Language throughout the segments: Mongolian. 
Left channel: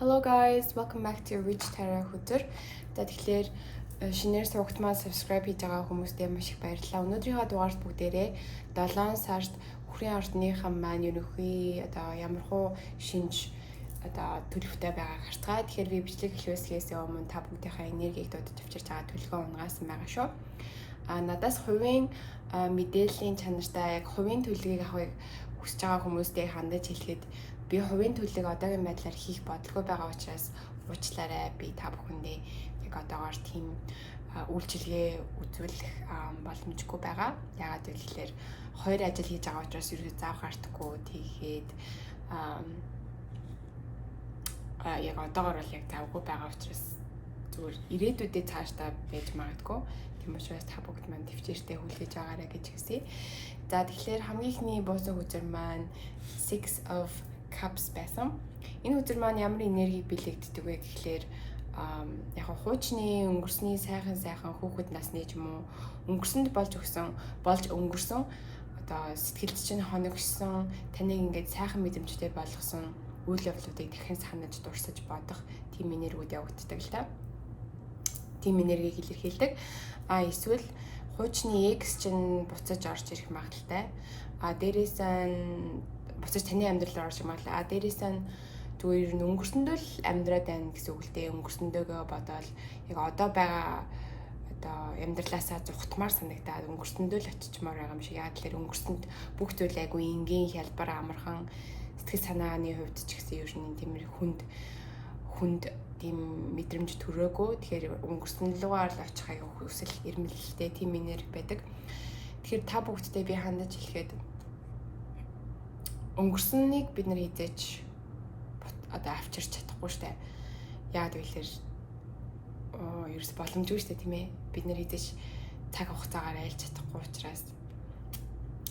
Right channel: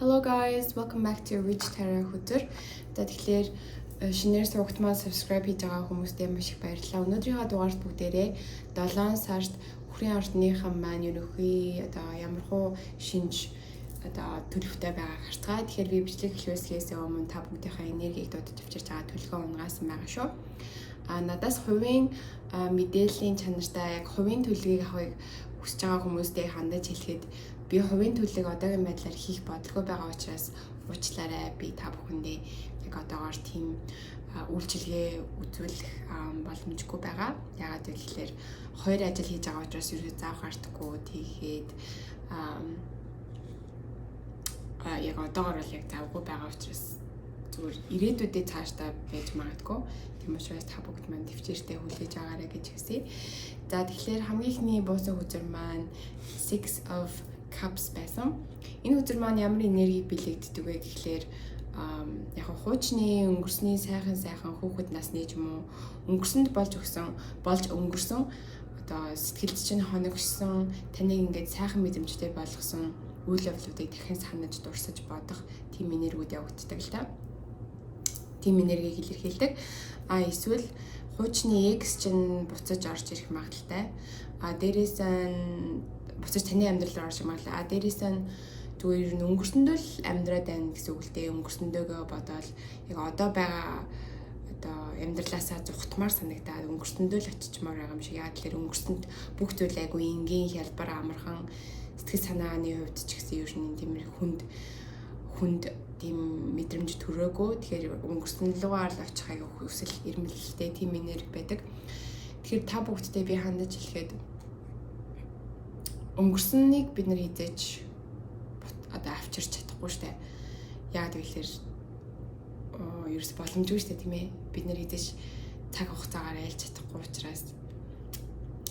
Hello guys, welcome back to Rich Tara Хөтөр. Тэгэхээр шинээр суугтмаа subscribe хийж байгаа хүмүүстээ маш их баярлалаа. Өнөөдрийнхөө дугаарт бүгдээрээ 7 сард Хүрийн ордныхан маань ерөнхий ямар хуу шинж төлөвтэй байгааг хартгаа. Тэгэхээр би бичлэг эхлүүлсээс өмнө та бүгдийнхээ энергийг дуудаж авчирч байгаа төлөвөө унгаасан байгаа шүү. Надаас хувийн мэдээллийн чанартай яг хувийн төлөвийг авахыг хүсэж байгаа хүмүүстээ хандаж хэлэхэд би хувийн төлөвийг одоогийн байдлаар хийх бодлого байгаа учраас уучлаарай. Би та бүхэндээ яг одоогоор тийм үйлчилгээ үзүүлэх боломжгүй байгаа. Яагаад гэвэл хоёр ажил хийж байгаа учраас ерөөсөө заах артгүй тийгээд яг одоогоор бол яг завгүй байгаа учраас зүгээр ирээдүйдээ цаашдаа байж магадгүй. Тийм учраас та бүгд маань төвчээртэй хүлээж аваарай гэж хүсье. За тэгэхээр хамгийн ихний буусан үзэр маань Six of Cups байсан. Энэ үзэр маань ямар энерги бэлэгддэг вэ гэхлээр яг хуучны өнгөрсний сайхан хүүхэд насны ч юм уу өнгөрсөнд болж өнгөрсөн одоо сэтгэлд чинь хоногшсон таныг ингээд сайхан мэдрэмжтэй болгосон үйл явдлуудыг дахин санаж дурсаж бодох тийм энергиуд явагддаг л да. Тийм энергийг илэрхийлдэг. Эсвэл хуучны X чинь буцаж орж ирэх магадaltaй. Дээрээс нь буцаж таны амьдрал руу орж ирэх магадaltaй. Дээрээс нь зүгээр нь өнгөрсөндөө л амьдраад байна гэсэн үг л дээ. Өнгөрсөндөө бодоод яг одоо байгаа амьдралаасаа зүхтмаар санагдаад өнгөрсөндөө л очичмаар байгаа юм шиг. Яг л өнгөрсөнд бүх зүйл айгүй энгийн хялбар амархан сэтгэл санааны хувьд ч гэсэн ер нь тийм хүнд тийм мэдрэмж төрөөгүй. Тэгэхээр өнгөрсөн лугаар л очих аюу хүсэл эрмэлзэлтэй тийм энерги байдаг. Тэгэхээр та бүгдтэй би хандаж хэлэхэд өнгөрсөнийг бид нар хизээж авчирч чадахгүй штэ. Яагаад гэвэл ерөөс боломжгүй штэ тийм ээ. Бид нар хизээж цаг хугацаагаар айлж чадахгүй учраас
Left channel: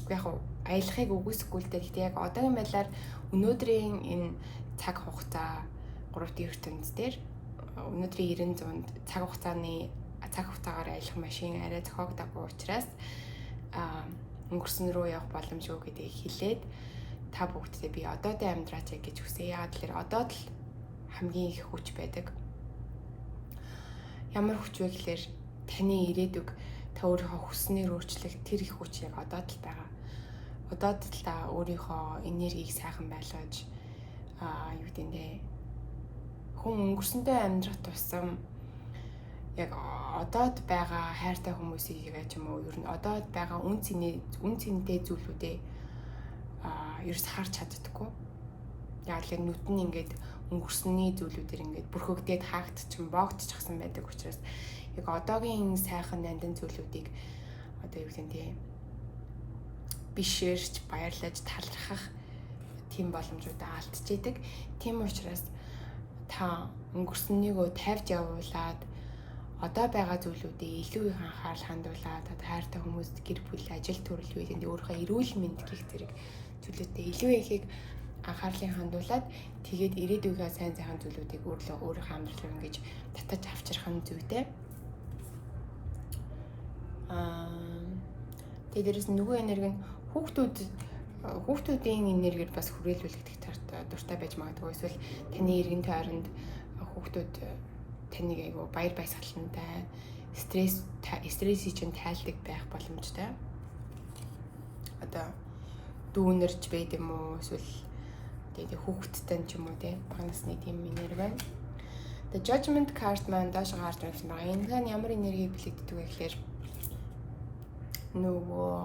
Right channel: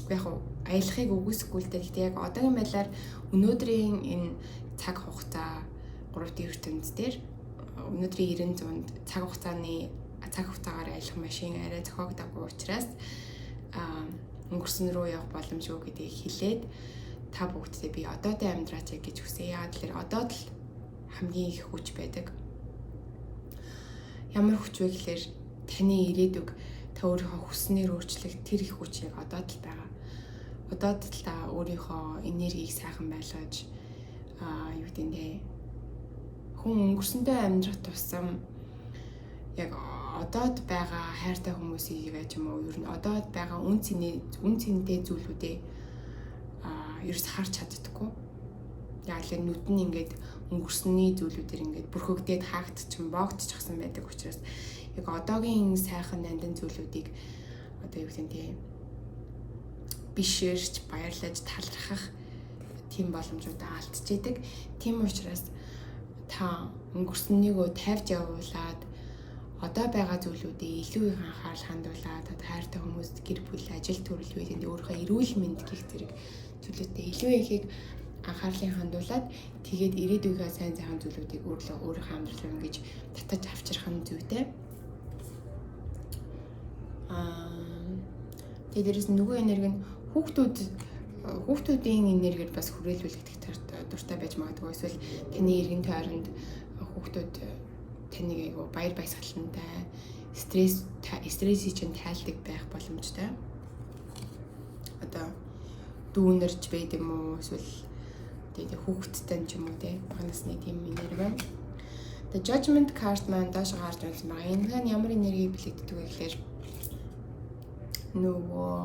яг аялахыг үгүйсэхгүй л дээ. Яг одоогийн байдлаар өнөөдрийн энэ цаг хугацаа 3D ертөнцийн дээр өнөөдрийн 90-100-д цаг хугацаагаар аялах машин арай зохиогдоогүй учраас өнгөрсөн рүү явах боломжгүй гэдгийг хэлээд та бүгдээ би одоотой амьдраач гэж хүсье. Яагаад гэвэл одоод л хамгийн их хүч байдаг. Ямар хүч вэ гэхээр таны ирээдүг та өөрийнхөө хүснээр өөрчлөх тэр их хүч яг одоод л байгаа. Одоод л та өөрийнхөө энергийг сайхан байлгаж хүн өнгөрсөндөө амьдрах тусам яг одоод байгаа хайртай хүмүүсийг ч юм уу ер нь одоод байгаа үн цэнтэй зүйлүүдээ ерөөс харж чаддаггүй. Яг л нүд нь ингээд өнгөрсөний зүйлүүдээр ингээд бүрхэгдээд хаагдчихсан боогдчихсан байдаг учраас яг одоогийн сайхан нандин зүйлүүдийг бишээрч баярлаж талархах тийм боломжуудаа алдчихэдэг. Тийм учраас та өнгөрсөнийгөө тавьж явуулаад одоо байгаа зүйлүүдээ илүү их анхаарал хандуулаад хайртай хүмүүст гэр бүл ажил төрөл үйлэнд өөрийнхөө эрүүл мэнд гэх зэрэг зүйлүүдэд илүү ихийг анхаарлыг хандуулаад тэгээд ирээдүйнээ сайн зүйлүүдийг өөрийнхөө амьдралаар ингэж татаж авчрах нь зүйтэй. Тэгээд дээрээс нөгөө энерги нь хүүхдүүдийн энергиэд бас хүрээлүүлэгдэх дуртай байж магадгүй. Эсвэл таны эргэн тойронд хүүхдүүд таныг айгу баяр баясгалантай стрессийг чинь тайлдаг байх боломжтой. Дүүнэрч байд юм уу эсвэл хүүхэдтэй ч юм уу бага насны тийм энерги байна. The Judgment card маань доош гарч ирсэн байгаа. Энэ нь ямар энерги бэлэгддэг вэ гэхээр нөгөө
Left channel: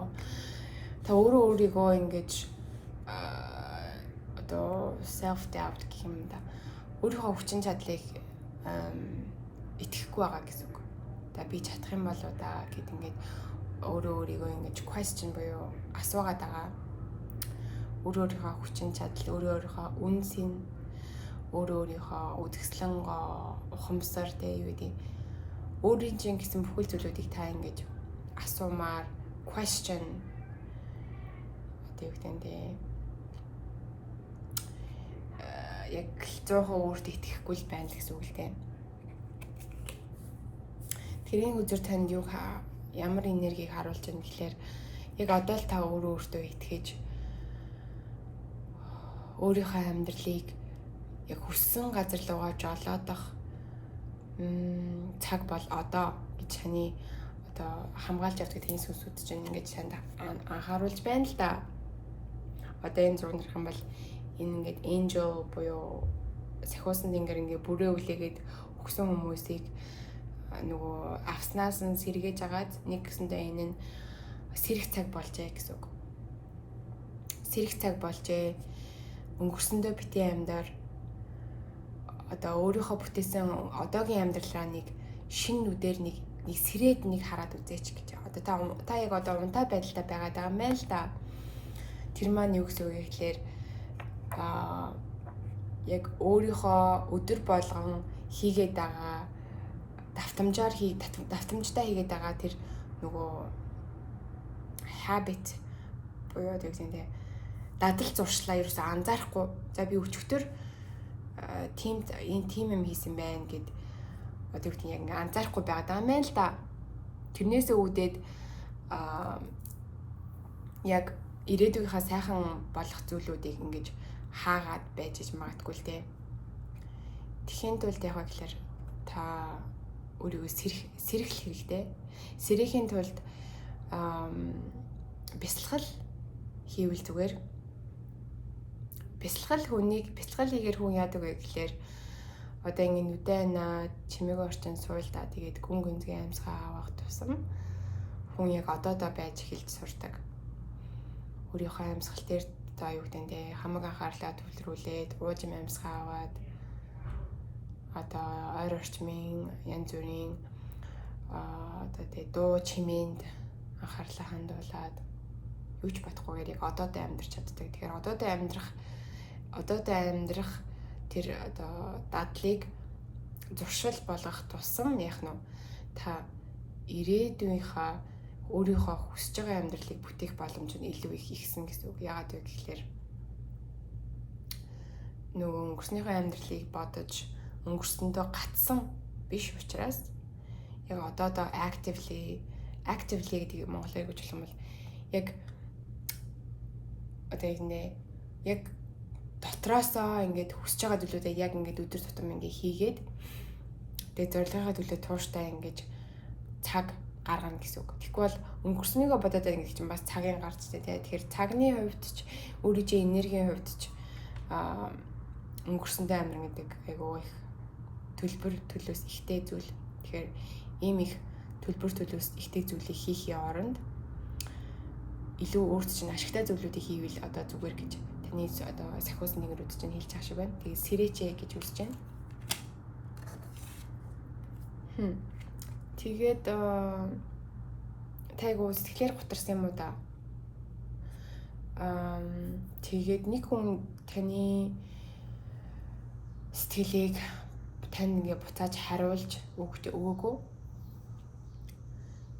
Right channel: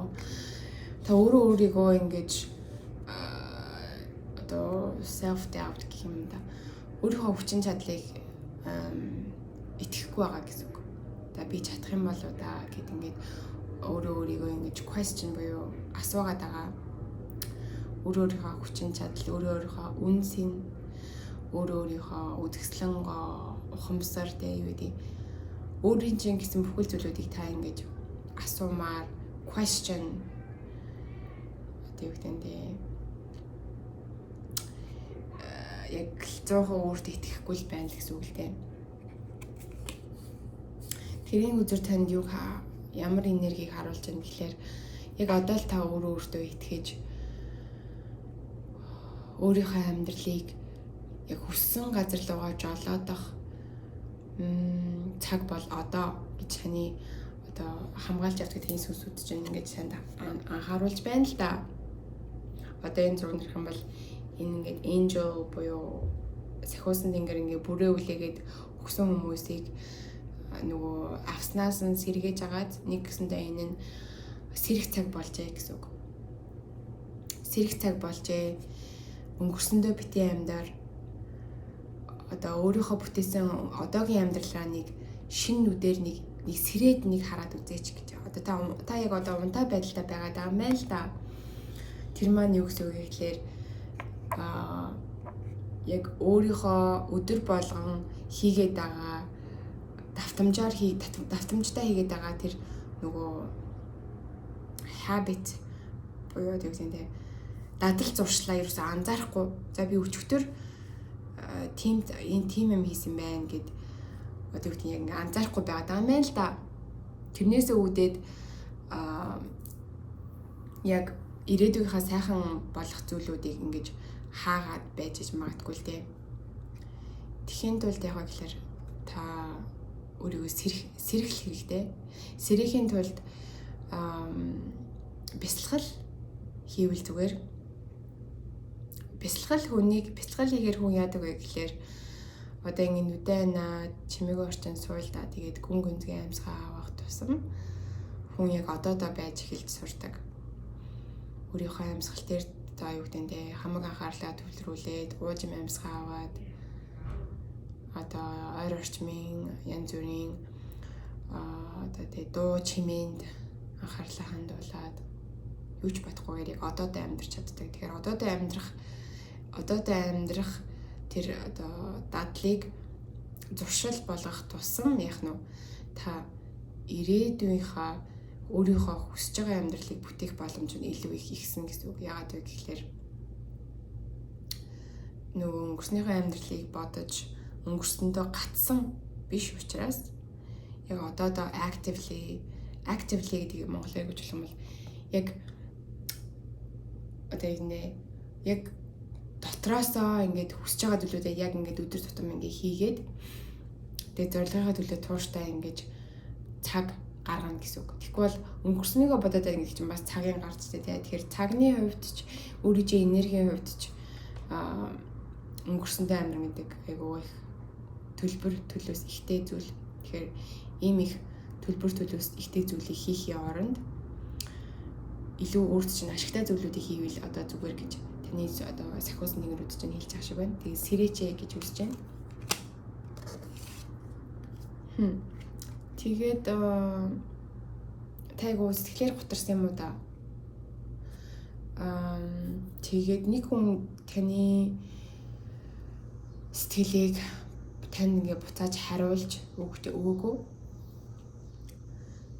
та өөрийгөө ингэж self doubt гэх юм да. Өөрийнхөө хүчин чадлыг итгэхгүй байгаа гэсэн үг. Би чадах юм болоо да гэд ингээд өөрийгөө ингэж question буюу асуугаад байгаа. Өөрийнхөө хүчин чадал, өөрийнхөө үнсийн, өөрийнхөө үзэсгэлэн ухамсар өөрийн чинь гэсэн бүхэл зүйлүүдийг та ингэж асуумаар question яг 100% өөртөө итгэхгүй л байна гэсэн үг л дээ. Тэрийн үзэр танд ямар энергийг харуулж байна гэхээр яг одоо л та өөртөө итгэж өөрийнхөө амьдралыг яг хүссэн газар руугаа жолоодох цаг бол одоо гэж таны одоо хамгаалж явдаг тийм сүнсүүд чинь ингэж танд анхааруулж байна л да. Одоо энэ зураг нэрх юм бол энэ ингээд angel буюу сахиусан тэнгэр ингээд бүрээ үлээгээд өгсөн хүмүүсийг нөгөө авснаас нь сэргээж агаад нэг гэсэндээ энэ нь сэрэх цаг болжээ гэсэн үг. Сэрэх цаг болжээ. Өнгөрсөндөө битгий амьдаар одоо өөрийнхөө бүтээсэн одоогийн амьдралаа нэг шинэ нүдээр нэг сэрээд нэг хараад үзээч гэж. Одоо та яг одоо унтаа байдалтай байгаа даа мэн л да. Тэр маань юу гэсэн үг гэхээр яг өөрийнхөө өдөр болгон хийгээд байгаа давтамжтай хийгээд байгаа тэр нөгөө habit буюу тэгсэндээ дадал зуршлаа ерөөсөө анзаарахгүй. За би өчигдөр тийм юм хийсэн байна гэд одоо үгүй яг анзаарахгүй байгаа даа мэн л да. Тэрнээсээ үүдээд яг ирээдүйнхаа сайхан болох зүйлүүдийг ингэж хаагаад байж магадгүй л дээ. Тэхийн тулд яг гэхээр та өөрийгөө сэрэх хэрэгтэй. Сэрэхийн тулд бясалгал хийвэл зүгээр. Бясалгал хийгээр хүн яадаг вэ гэхээр одоо ингэ нүдэнэ чимээгүй орчин суйлдаа тэгээд гүн гүнзгий амьсгаа авах тусам хүн яг одоодоо байж эхэлж сурдаг. Өөрийнхөө амьсгал дээр одоо юу гэдэг нь хамаг анхаарлаа төвлөрүүлээд ууж амьсгаа аваад одоо ойр орчмын янз бүрийн одоо тэг дуу чимээнд анхаарлаа хандуулад юу ч бодохгүйгээр яг одоодоо амьдрч чаддаг. Тэгэхээр одоодоо амьдрах тэр одоо дадлыг зуршил болгох тусам яах нь та ирээдүйнхаа өөрийнхөө хүсэж байгаа амьдралыг бүтээх боломж нь илүү их ихсэн гэсэн үг. Яагаад вэ гэхээр нөгөө өнгөрснийхөө амьдралыг бодож өнгөрсөндөө гатсан биш учраас яг одоодоо actively гэдэг монголоор гэж хэлэх юм бол яг одоо яг дотроосоо ингээд хүсэж байгаа зүйлүүдээ яг ингээд өдөр тутам ингээд хийгээд тэгээд зорилгынхаа төлөө тууштай ингээд цаг гаргана гэсэн үг. Тэгэхгүй бол өнгөрснийгөө бодоод байгаа юм чинь бас цагийн гарцтай тий. Тэгэхээр цагны хувьд ч өөрийн энергийн хувьд ч өнгөрсөндөө амир гэдэг айгүй их төлөөс ихтэй зүйл. Тэгэхээр ийм их төлөөс ихтэй зүйлийг хийхээ оронд илүү өөрт чинь ашигтай зүйлүүдийг хийвэл одоо зүгээр гэж таны одоо сахиус нэгрүүд чинь хэлж байгаа шиг байна. Тэгээ сэрэчээ гэж үзэж байна. Тэгээд тайгуу сэтгэлээр гутарсан юм уу да? Тэгээд нэг хүн таны сэтгэлийг тань ингээ буцааж хариулж өгөөгүй.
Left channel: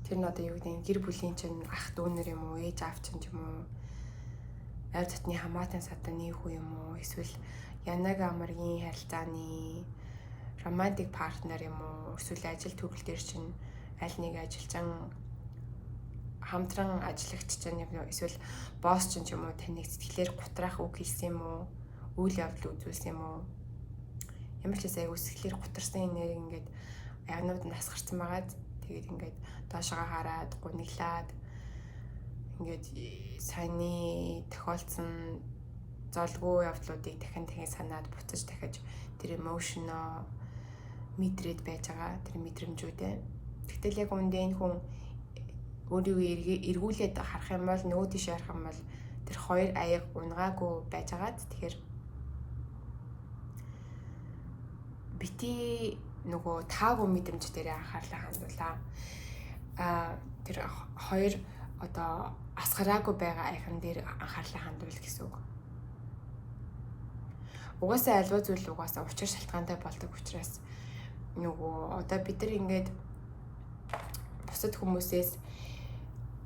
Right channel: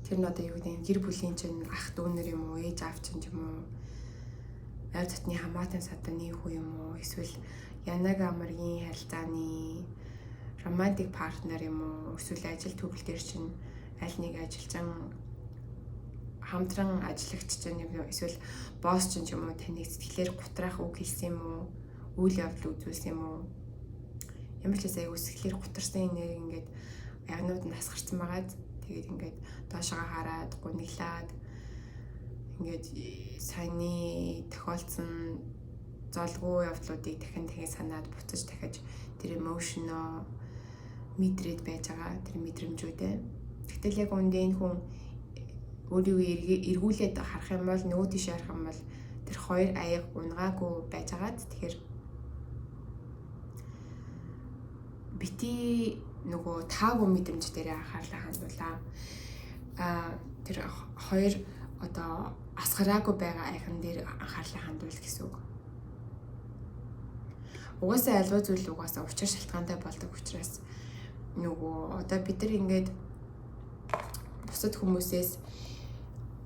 Тэр нь одоо юу гэдэг гэр бүлийн чинь ах дүүнэр юм уу, ээж аав чинь юм уу, аль дотны хамаатан садны хүү юм уу, эсвэл янаг амаргийн харилцааны романтик партнер юм уу, эсвэл ажил төрөл дээр чинь аль нэг ажилчин хамтран ажиллагч чинь юм уу, эсвэл босс чинь юм уу таныг сэтгэлээр гутраах үг хэлсэн юм уу, үйл явдал үзүүлсэн юм уу? Ямар ч айгуу сэтгэлээр гутарсан нэр ингээд ягнууд нь асгарсан байгаад тэгээд ингээд доошоо хараад гуниглаад ингээд саяны тохиолдсон золгүй явдлуудыг дахин санаад буцаж дахиж тэр эмошноо мэдрээд байж байгаа тэр мэдрэмжүүдээ. Гэтэл яг үндэ энэ хүн өөрийгөө эргүүлээд харах юм бол нөгөө тийш харах юм бол тэр хоёр аяг унгаагүй байж байгаад тэгэхээр бити нөгөө таагүй мэдрэмж дээр анхаарлаа хандуулаа. Тэр хоёр одоо асгараагүй байгаа айхан дээр анхаарлаа хандуул гэсэн үг. Угаасаа альва зүйл угаасаа учир шалтгаантай болдог учраас нөгөө одоо бид нар ингээд бусад хүмүүсээс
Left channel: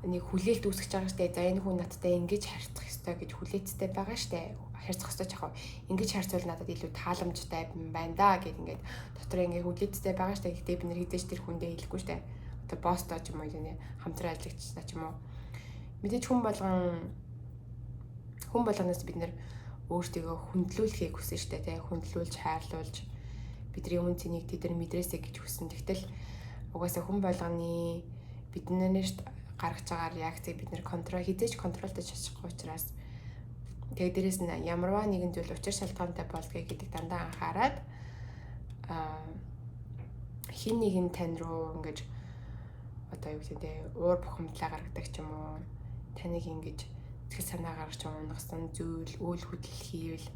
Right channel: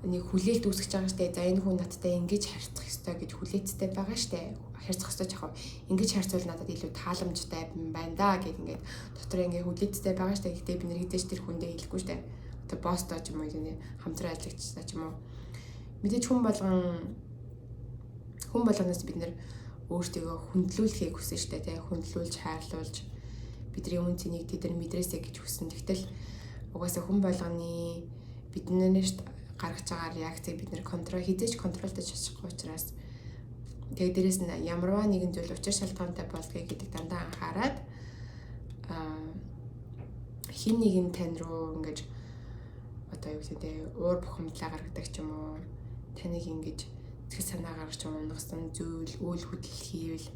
нэг хүлээлт үүсгэж байгаа штэ. За энэ хүн надтай ингэж харьцах ёстой гэж хүлээцтэй байгаа штэ. Харьцах ёстой жахав. Ингэж харьцвал надад илүү тааламжтай байна да гэх ингээд дотор ингээд хүлээцтэй байгаа штэ. Гэхдээ бид нэр хідэж тэр хүндээ хэлэхгүй штэ. Одоо босстой ч юм уу нэ хамтран ажиллагчтай ч юм уу. Мэдээж хүн болгоноос бид нэр өөртөө хүндлүүлэхийг хүсэн штэ тий. Хүндлүүлж хайрлуулж бидний үн цэнийг тэд нар мэдрээсэй гэж хүсэн. Тэгтэл угаасаа хүн болгоны биднээс гаргаж байгаа реакцийг бид нэр хизээж контролдож чадахгүй учраас тэгээд дээрэс нь ямарваа нэгэн зүйл учир шалтгаантай болдгийг гэдэг дандаа анхаарад хин нэг нь тань руу ингэж одоо юу гэдэг уур бухимдлаа гаргадаг ч юм уу таныг ингэж сэтгэл санаа гаргаж унагсан зүйл үйл хөдлөл хийвэл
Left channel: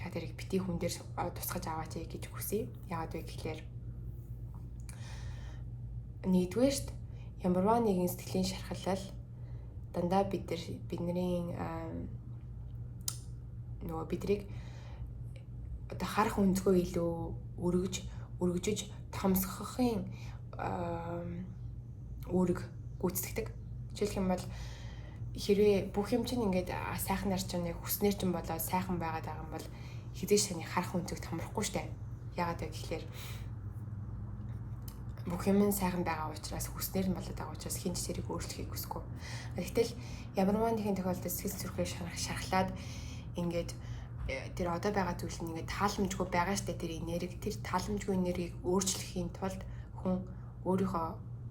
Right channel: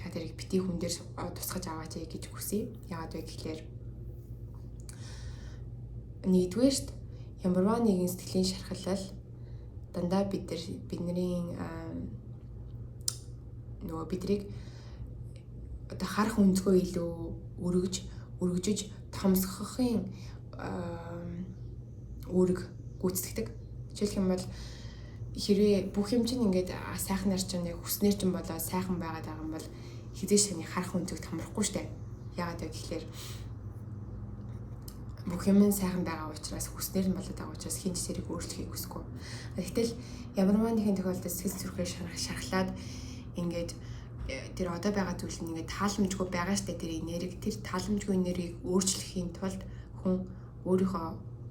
та тэрийг бити хүн дээр тусгаж аваач гэж хүсье. Яагаад вэ гэхээр нэгдүгээрт ямарваа нэгэн сэтгэлийн шархалал дандаа бидний нөгөө бидрийг одоо харах өнцгөө илүү өргөжж томсгохын үүрэг гүйцэтгэдэг. Жишээлх юм бол хэрвээ бүх юм чинь ингээд сайхнаар чинь хүснээр чинь болоо сайхан байгаад байгаа юм бол хизээш таны харах өнцөг томрохгүй штэ. Яагаад вэ гэхээр бүх юм сайхан байгаа учраас хүснээр нь болоод байгаа учраас хин ч тэрийг өөрчлөхийг хүсэхгүй. Гэтэл ямарваа нэгэн тохиолдолд сэтгэл зүрхээр шархлаад ингээд тэр одоо байгаа зүйл нь ингээд тааламжгүй байгаа штэ тэр энерги тэр тааламжгүй энергийг өөрчлөхийн тулд хүн өөрийнхөө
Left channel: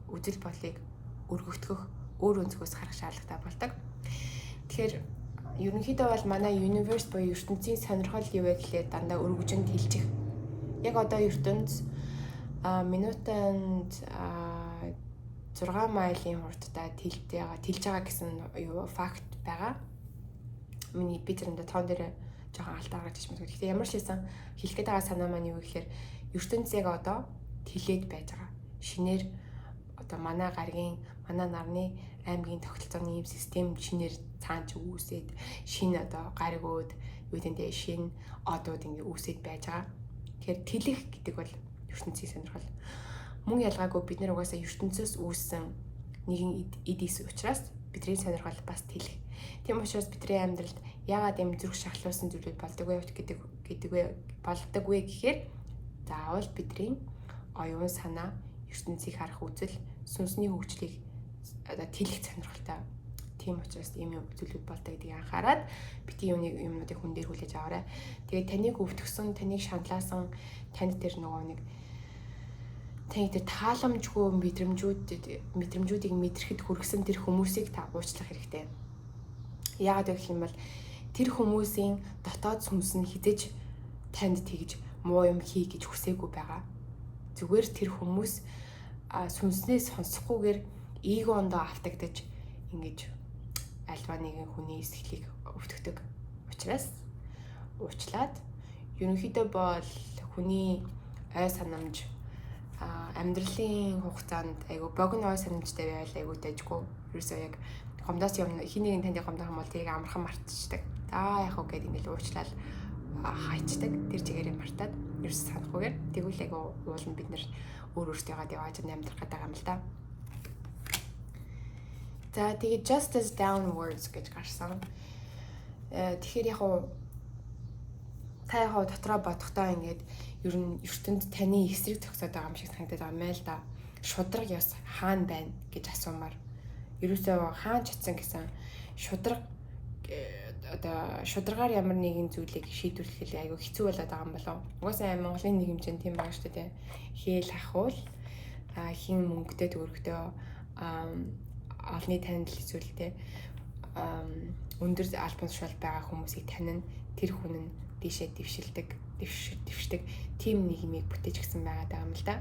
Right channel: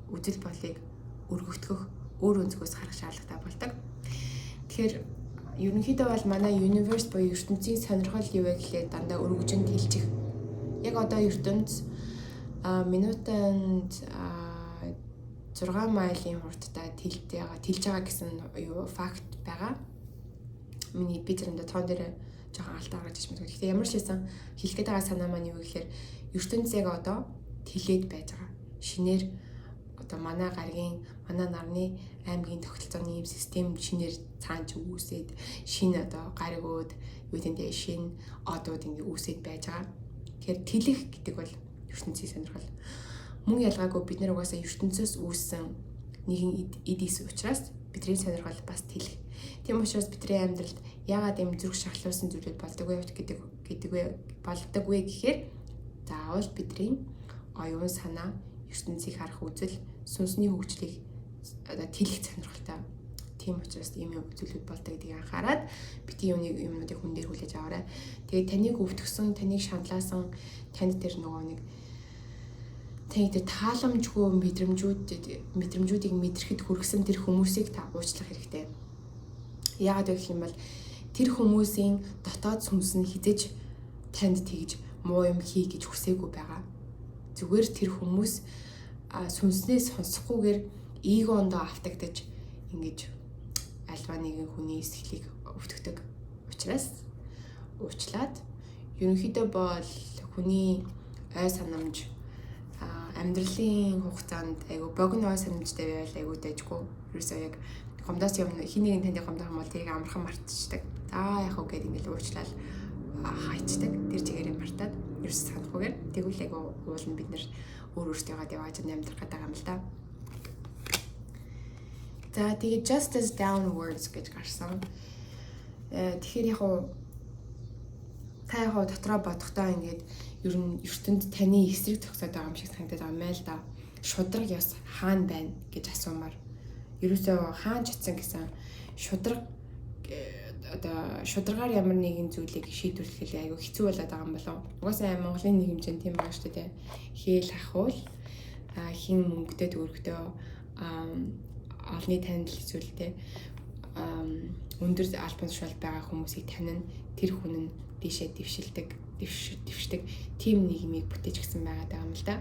үжил болыг өргөгдөх өөр өнцгөөс харах шаардлагатай болдог. Тэгэхээр ерөнхийдөө бол манай universe буюу ертөнцийн сонирхол юу вэ гэхлээр дандаа өргөжөнд хилжих. Яг одоо ертөнц минутанд 6 милийн хурдтай тэлж байгаа гэсэн факт байгаа. Миний би тэрэнд тоон дээр жоохон алдаа гаргаж ирсэн. Гэхдээ ямар ч хэлсэн хэлэхэд байгаа санаа маань юу гэхээр ертөнц яг одоо тэлээд байж байгаа. Шинээр одоо манай нарны аймгийн тогтолцооны ийм систем шинээр цаанч үүсээд шинэ одоо гаригууд юу гэдэг шинэ одууд ингэ үүсээд байж байгаа. Тэгэхээр тэлэх гэдэг бол ертөнцийн сонирхол. Мөн ялгаагүй бид нар угаасаа ертөнцөөс үүссэн нэгэн эдис учраас бидний сонирхол бас тэлэх. Тийм учраас бидний амьдралд яагаад юм зүрх шахлуулсан зүйлүүд болдог вэ гэхээр заавал бидний оюун санаа ертөнцийг харах үзэл сүнсний хөгжлийг одоо тэлэх сонирхолтой. Тийм учраас ийм зүйлүүд болдог гэдгийг анхаарад бити юмнуудыг хүн дээр хүлээж аваарай. Тэгээд таныг өвтгсөн, таныг шаналаасан, танд тэр нөгөө нэг таны тэр тааламжгүй мэдрэмжүүдийг мэдрэхэд хүргэсэн тэр хүмүүсийг та уучлах хэрэгтэй. Яагаад вэ гэх юм бол тэр хүмүүсийн дотоод сүнс нь хизэж танд тэгж муу юм хий гэж хүсээгүй байгаа. Зүгээр тэр хүмүүс сүнснээ сонсохгүйгээр эгоондоо автагдаж ингэж альва нэгэн хүний сэтгэлийг өвтгдөг учраас уучлаад ерөнхийдөө бол хүний ой санамж амьдралын хугацаанд айгу богино ой санамжтай байвал айгу дэжгүй. Ерөөсөө яг гомдоос юм хин нэгэн танд гомдох юм бол тэрийг амархан мартчихдаг. За яг уу гэдэг ингээл уучлал хайчдаг. Тэр чигээр юм мартаад ерөөс санахгүйгээр тэгвэл айгу уулын бид нэр өөртөөгаа явааж амьдрах гэдэг юм л да. За тэгээд just as downwards гэж гарсан. Тэгэхээр яг уу та яг дотроо бодохдоо ингээд ер нь ертөнд таны эсрэг зогсоод байгаа юм шиг санагдаад байгаа юм байл да. Шудраг яс хаана байна гэж асуумаар. Ерөөсөө хаан чатсан гэсэн шудраг одоо шударгаар ямар нэгэн зүйлийг шийдвэрлэх айгүй хэцүү болоод байгаа юм болов. Угаасаа Монголын нэг хэмжээнд тийм байгаа шүү дээ. Хээл ахвал хин мөнгөтэй төгрөгтөө олны танил зүйлтэй өндөр албан тушаал байгаа хүмүүсийг танин тэр хүн нь дээшээ дэвшдэг тим нийгмийг бүтээж гисэн байгаа юм л да.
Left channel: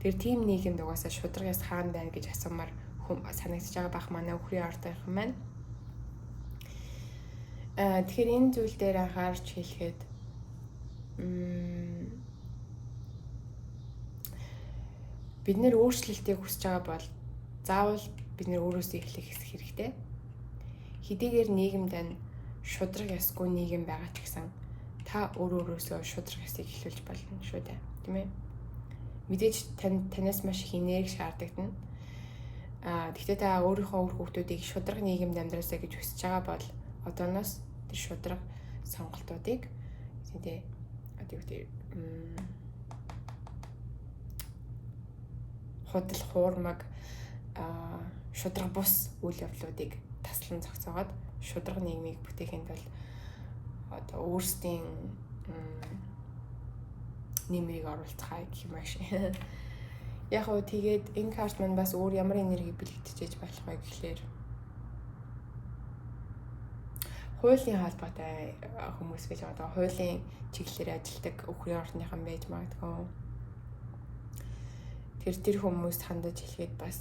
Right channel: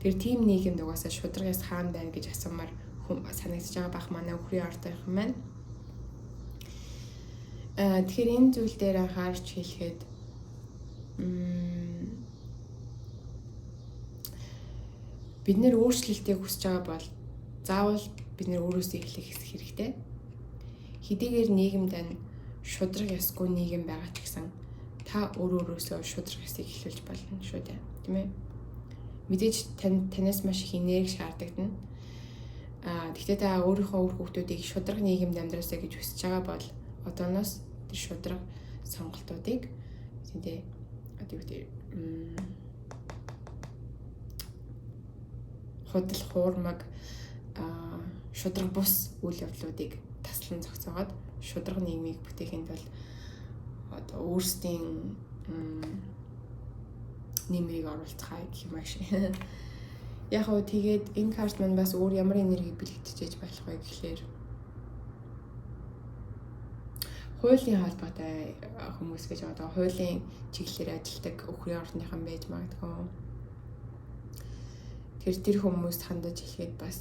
Тэр тим нийгэмд угаасаа шударгаас хаан байна гэж асуумаар санагдаж байгаа бах манай өхрийн ордынх юм байна. Тэгэхээр энэ зүйл дээр анхаарч хэлэхэд бид нэр өөрчлөлтийг хүсэж байгаа бол заавал бид нэр өөрөөсөө эхлэх хэрэгтэй. Хэдийгээр нийгэмд шудраг ёсгүй нийгэм байгаа ч гэсэн та өөрөөсөө шудраг ёсыг эхлүүлж болно шүү дээ. Тийм ээ. Мэдээж танаас маш их энерги шаардлагадна. Гэхдээ та өөрийнхөө үр хүүхдүүдийг шудраг нийгэмд амьдраасаа гэж хүсэж байгаа бол одооноос тэр шудраг сонголтуудыг тийм худал хуурмаг шудраг бус үйл явдлуудыг таслан зогсоогоод шудраг нийгмийг бүтээхэд бол одоо өөрсдийн нэмрийг оруулцгаая гэх юм шиг. Яг уу тэгээд энэ карт маань бас өөр ямар энерги бэлтгэж болох вэ гэхээр хуулийн холбоотой хүмүүс гэж одоо хуулийн чиглэлээр ажилладаг өхрийн орныхан байж магадгүй. Тэр хүмүүст хандаж хэлэхэд бас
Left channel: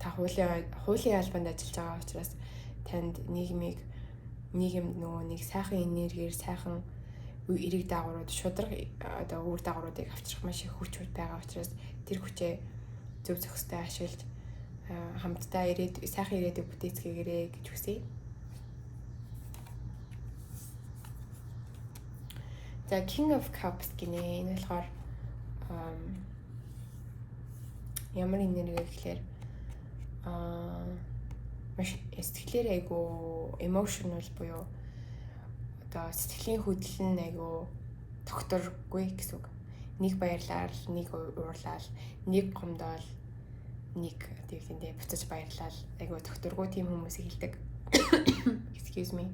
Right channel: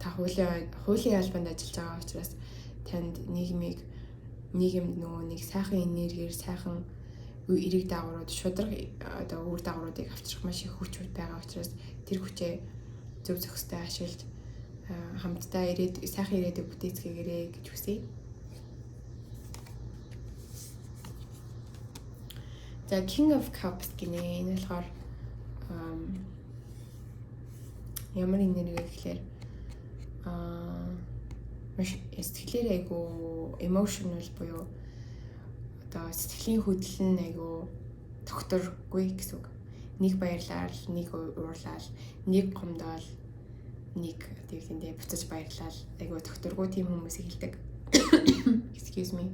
та хуулийн албанд ажиллаж байгаа учраас танд нийгэмд нөгөө нэг сайхан энергиэр сайхан эрэг дагаврууд шударга одоо үр дагавруудыг авчрах маш их хүч байгаа учраас тэр хүчээ зөв зөвхөстэй ашиглаж хамтдаа сайхан ирээдүйг бүтээцгээгээрэй гэж хүсье. За King of Cups гинэ энэ болохоор ямар энерги гэхээр маш сэтгэлээр айгу emotional буюу одоо сэтгэлийн хөдлөл нь айгу тогтворгүй гэсэн үг. Нэг баярлал, нэг уурлал, нэг гомдол, нэг тиймдээ буцаж баярлал айгу тогтворгүй тийм хүмүүсийг хэлдэг. Excuse me.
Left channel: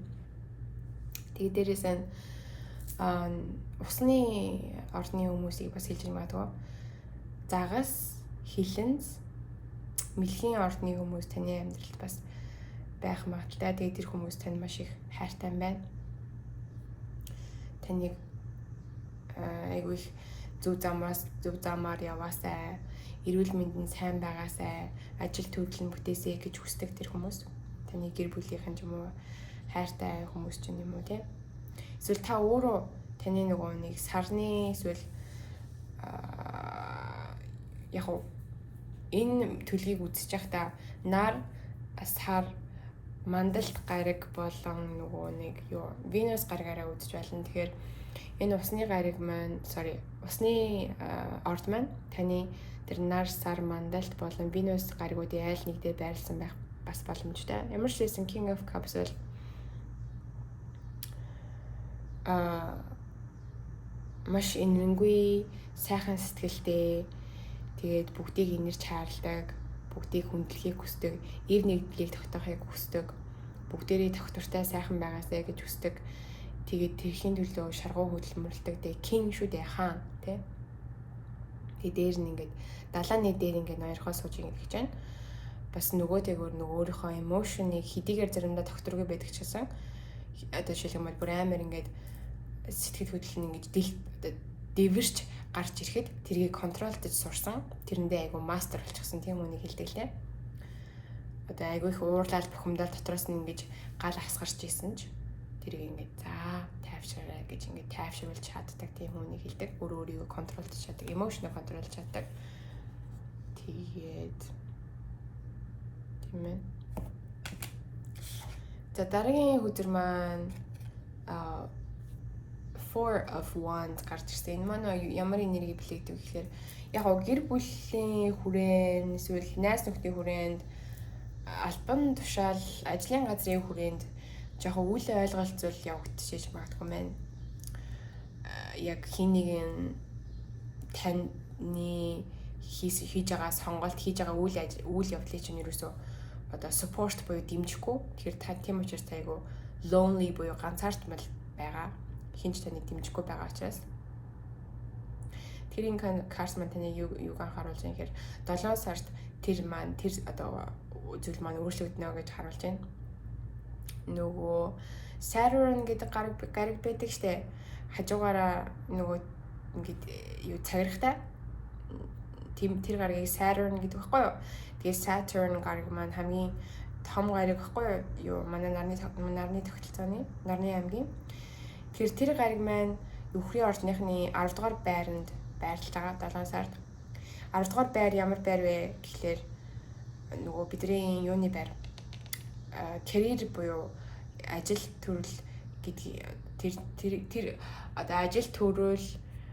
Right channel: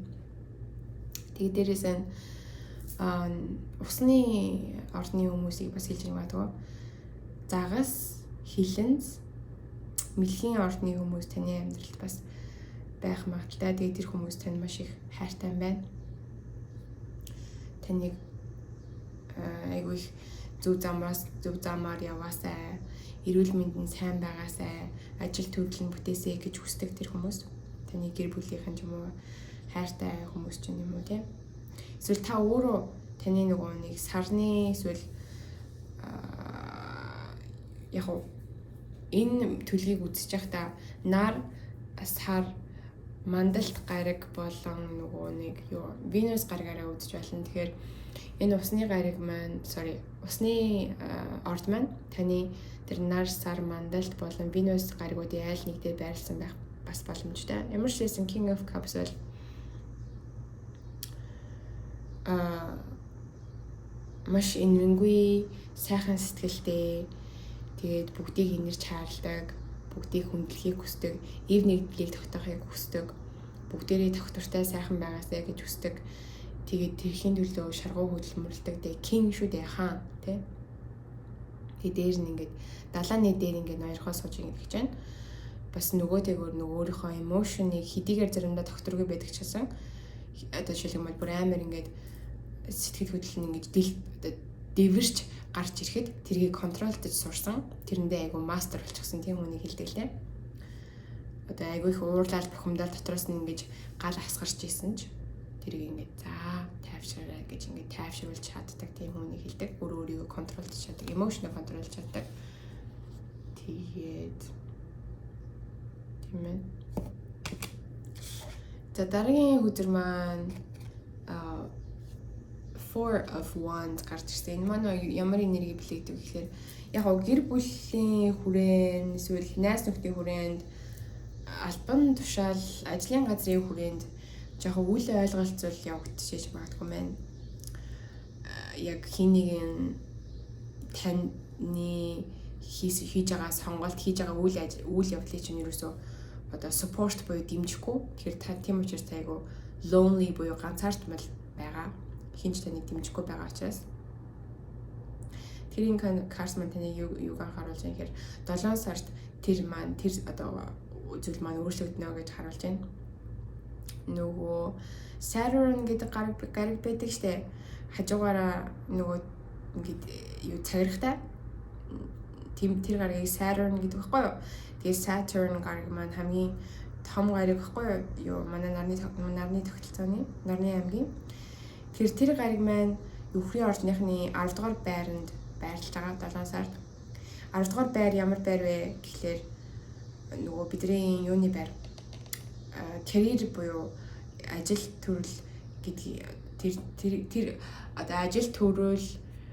Тэгээд дээрээс нь усны орны хүмүүсийг бас хэлж магадгүй. Загас, хилэнц, мэлхийн орны хүмүүс таны амьдралд бас байх магадaltaй. Тэгээд тэр хүмүүс тань маш их хайртай байна. Таныг айгүй их зөв замаар яваасай, эрүүл мэндийн сайн байгаасай, ажил төрөлн бүтээсэй гэж хүсдэг тэр хүмүүс. Таны гэр бүлийнхэн ч юм уу хайртай хүмүүс ч юм уу тийм. Эсвэл та өөрөө таны нөгөө нэг сарны эсвэл яг уу энэ төлгийг үзэж байхдаа нар сар мандалт гариг болон нөгөө нэг юу Венус гаригаараа үзэж байна. Тэгэхээр энэ усны гариг маань усны орд маань таны тэр нар сар мандалт болон Венус гаригуудын айл нэг дээр байрлсан байх бас боломжтой. Ямар ч байсан King of Cups бол маш энэргүй сайхан сэтгэлтэй тэгээд бүгдийг инэрч хаалдаг, бүгдийг хүндлэхийг хүсдэг, ив нэгдлийг тогтоохыг хүсдэг, бүгдээрээ тогтвортой сайхан байгаасай гэж хүсдэг. Тэгээд тэрхийн төлөө шаргуу хөдөлмөрлөдөг дээ king шүү дээ хаан тий. Тэгээд дээр нь ингээд далааны дээр ингээд ноёрхоо сууж ингэж байна. Бас нөгөөтэйгөр өөрийнхөө эмошныг хэдийгээр заримдаа тогтворгүй байдаг ч гэсэн одоо жишээлбэл бүр амар ингээд сэтгэл хөдлөл нь ингэж дэвэрч гарч ирэхэд тэргийг контролдож сурсан. Тэрэндээ айгу мастер болчихсон тийм үнийг хэлдэг лээ. Одоо айгу их уурлал бухимдал дотроос нь ингэж гал асгарч ийсэн ч тэрийг ингэ тайвшираа гэж ингэ тайвшруулж чаддаг тийм үнийг хэлдэг. Өөрийгөө контролдож чаддаг, эмошноо контролж чаддаг. Тэгээд тийм ээ. За дараагийн өдөр маань Four of Wands гарч ирсэн. Энэ маань ямар энерги билэгдэг гэхээр яг гэр бүлийн хүрээнд эсвэл найз нөхдийн хүрээнд албан тушаал ажлын газрын хүрээнд жоохон үйл ойлголцол явагдчихж магадгүй маань. Яг хин нэгэн таны хийж байгаа сонголт хийж байгаа үйл явдлыг чинь ерөөсөө одоо support буюу дэмжихгүй. Тэгэхээр тийм учраас айгу lonely буюу ганцаардмал байгаа. Хинч таныг дэмжихгүй байгаа учраас тэрийн карс маань таны юуг анхааруулж байгаа гэхээр 7 сард тэр одоо зүйл маань өөрчлөгдөнө гэж харуулж байна. Нөгөө Saturn гэдэг гариг байдаг штэ. Хажуугаараа нөгөө ингээд юу цагирахтай тэр гаригийг Saturn гэдэг байхгүй юу? Тэгээд Saturn гариг маань хамгийн том гариг байхгүй юу? Манай нарны тогтолцооны нарны аймгийн. Тэр гариг маань өхрийн ордныхны 10 дугаар байранд байрлаж байгаа 7 сард. 10 дугаар байр ямар байр вэ гэхлээр нөгөө бидний юуны байр. Career буюу ажил төрөл гэдгийг тэр одоо ажил төрөл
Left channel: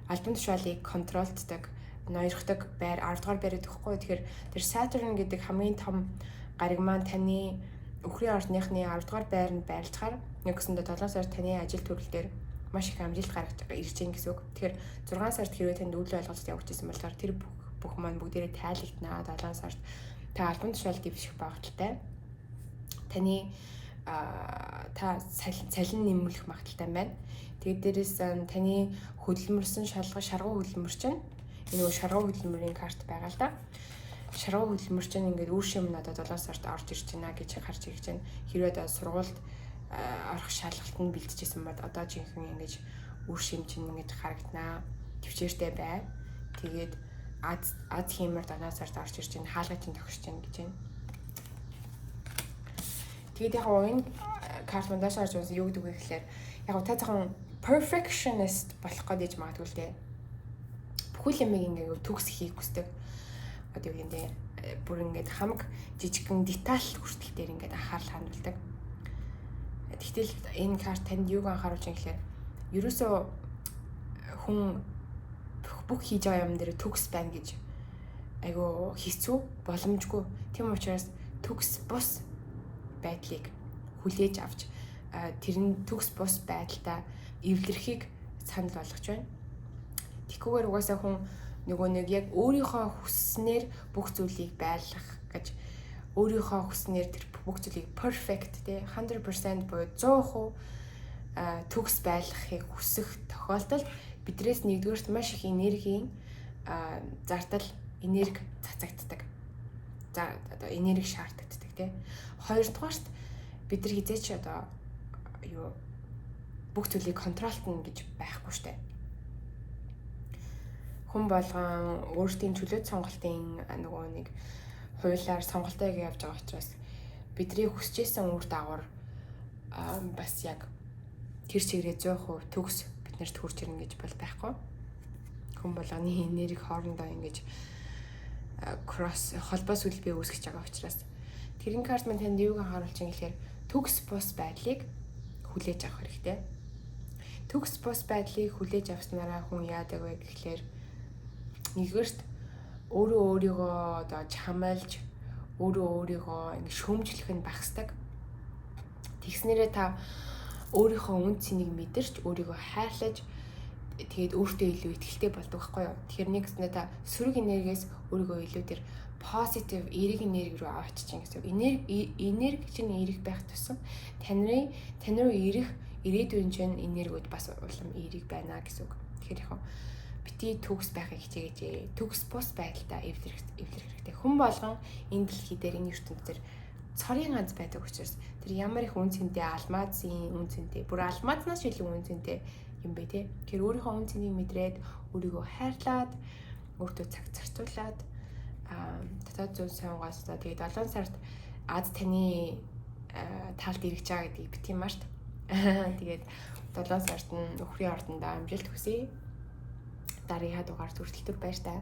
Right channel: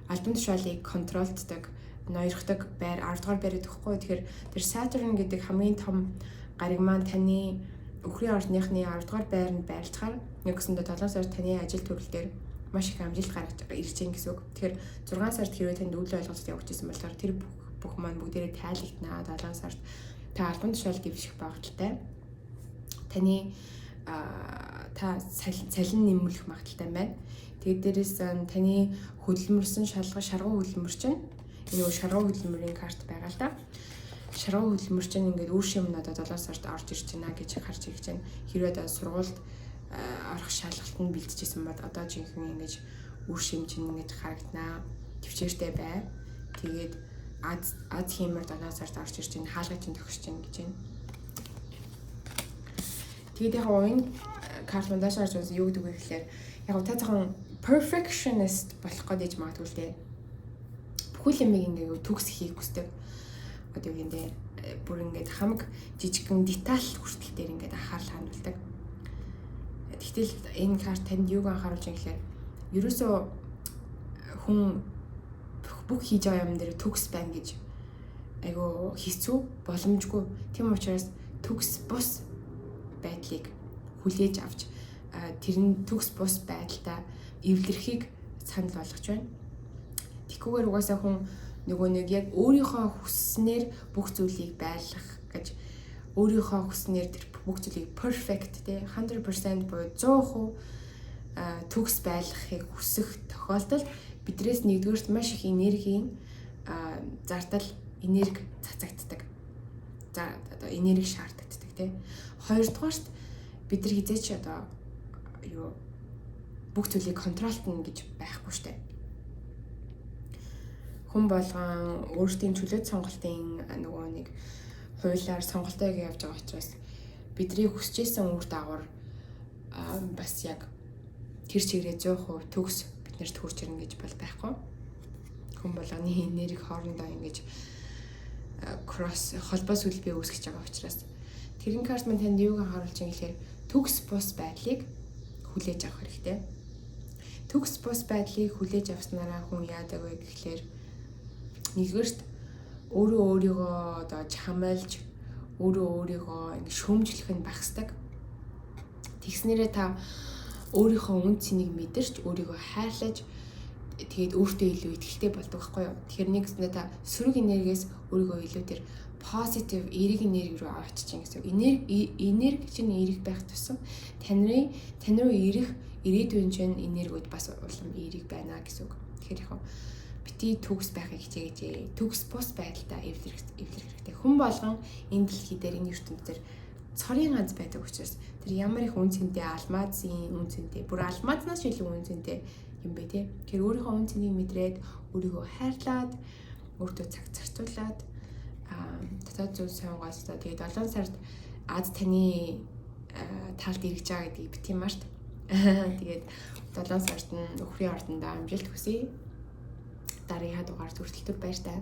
албан тушаалыг контролддог, ноёрхдог байр 10 дугаар байр гэхгүй. Тэгэхээр тэр Saturn гэдэг хамгийн том гариг маань таны өхрийн ордныхны 10 дугаар байранд байрлахаар нэгсэндээ 7 сард таны ажил төрөл дээр маш их амжилт гаргаж ирж байгаа гэсэн үг. Тэгэхээр 6 сард хэрвээ танд үйл ойлголт явагдаж байсан болохоор тэр бүх маань бүгдээрээ тайлэгднаа. 7 сард та албан тушаал дэвших багталтай. Таны та цалин нэмүүлэх магадaltaй байна. Тэгээд дээрээс таны хөдөлмөрсөн шаргуу хөдөлмөр чинь энэ шаргуу хөдөлмөрийн карт байгаа л да. Шаргуу хөдөлмөр чинь ингээд үр шим надад 7 сард орж ирж байна гэж харж ирж байна. Хэрвээ одоо сургуульд орох шалгалтанд бэлтжижсэн бол одоо жинхэнэ ингэж үр шим чинь ингэж харагданаа. Төвчээртэй бай. Тэгээд аз хиймэр 7 сард орж ирж байна. Хаалга чинь төгсөж байна гэж байна. Тэгээд яг энэ карт мандаш харж байсан юу гэдэг вэ гэхээр яг та цахан perfectionist болох гэж магадгүй л дээ. Бүхэл юмыг ингээд төгсөхийг хүсдэг. Одоо юу юм бэ? Бүр ингээд хамаг жижигхэн деталь хүртэл дээр ингээд анхаарал хандуулдаг. Тэгтэл энэ карт танд юуг анхааруулж байгаа гэхээр ерөөсөө хүн бүх хийж байгаа юм дээр төгс байна гэж айгу хэцүү боломжгүй. Тийм учраас төгс бус байдлыг хүлээж авч тэр нь төгс бус байдалтай эвлэрхийг санал болгож байна. Тэгхгүйгээр угаасаа хүн нөгөө нэг яг өөрийнхөө хүснээр бүх зүйлийг байлгах гэж өөрийнхөө хүснээр тэр бүх зүйлийг perfect те 100% буюу 100% төгс байлгахыг хүсэх тохиолдолд бидрээс нэгдүгээрт маш их энергийн зардал энерги цацагддаг. За одоо энерги шаарддаг те. Хоёрдугаарт бид нар хизээч одоо юу бүх зүйлийг контролтно гэж байхгүй штэ. Хүн болгон өөрсдийн чөлөөт сонголтын нөгөө нэг хуулиар сонголтоо явж байгаа учраас бидний хүсэжсэн үр дагавар бас яг тэр чиглэлээ 100% төгс биднэрт хүрч ирнэ гэж бол байхгүй. Хүн болгоны энерги хоорондоо ингэж кросс холбоо сүлбээ үүсгэж байгаа учраас тэрэн карт мань танд юуг анхааруулж байгаа гэхээр төгс бус байдлыг хүлээж авах хэрэгтэй. Төгс бус байдлыг хүлээж авснараа хүн яадаг вэ гэхээр нэгдүгээрт өөрийгөө одоо чамайлж өөрийгөө ингэ шүүмжлэх нь багасдаг. Тэгснээрээ та өөрийнхөө үн цэнийг мэдэрч өөрийгөө хайрлаж тэгээд өөртөө илүү ихтэй болдог байхгүй юу? Тэгэхээр нэгснээ та сөрөг энергиэс өөрийгөө илүү тэр positive эерэг энерги рүү авчиж чинь гэсэн. Энерги чинь эерэг байх тусам таны руу ирэх ирээдүйн чинь энергиуд бас улам эерэг байна гэсэн үг. Тэгэхээр яг бити төгс байхыг хичээгээч. Төгс бус байдалтай эвлэрэх хэрэгтэй. Хүн болгон энэ дэлхий дээр энэ ертөнцийн цорын ганц байдаг учраас тэр ямар их үн цэнтэй алмазын үн цэнтэй бүр алмазнаас илүү үн цэнтэй юм бэ те. Тэр өөрийнхөө үн цэнийг мэдрээд өөрийгөө хайрлаад өөртөө цаг зарцуулаад татаад зүйл сонгоосоо тэгээд 7 сард Аз таны талд ирж байгаа гэдгийг бити март. Тэгээд 7 сард нь өхрийн ордондоо амжилт хүсье. Дараагийн дугаар хүртэл баяр таа.